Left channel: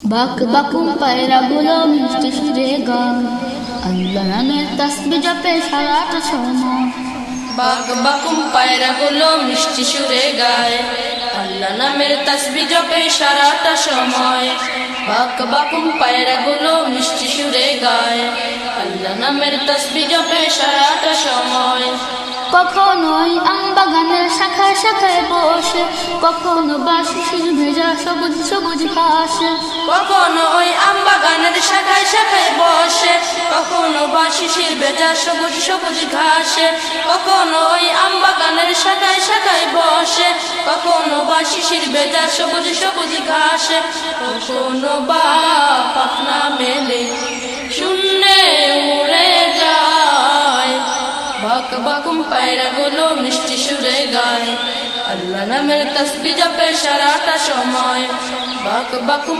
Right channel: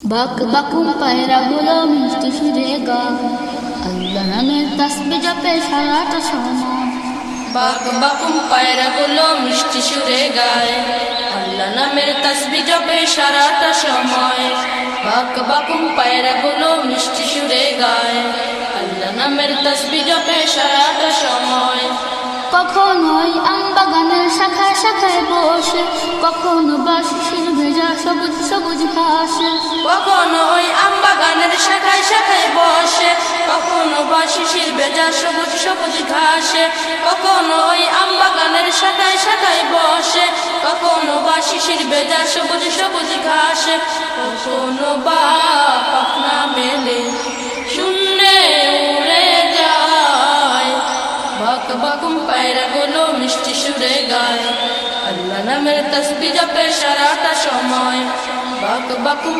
বাক বাকুম পায়রা গুলো মিষ্টি সুরে গায়, আল্লাহ নামের তাসবিহ জপে সারাটা সময়। বাক বাকুম পায়রা গুলো মিষ্টি সুরে গায়, আল্লাহ নামের তাসবিহ জপে সারাটা সময়। বাক বাকুম পায়রা গুলো মিষ্টি সুরে গায়, আল্লাহ নামের তাসবিহ জপে সারাটা সময়। কখনোই আম বাগানের শাখায় শাখায় বসে, কখনো বা শিশির ভেজা সবুজ সবুজ ঘাসে। কখনো ওই আম বাগানের শাখায় শাখায় বসে, কখনো বা শিশির ভেজা সবুজ সবুজ ঘাসে। কখনো ওই আম বাগানের শাখায় শাখায় বসে, কখনো বা শিশির ভেজা সবুজ সবুজ ঘাসে। কখনো বা পাখনা মেলে শূন্যে উড়ে যায়। বাক বাকুম পায়রা গুলো মিষ্টি সুরে গায়, আল্লাহ নামের তাসবিহ জপে সারাটা সময়। বাক বাকুম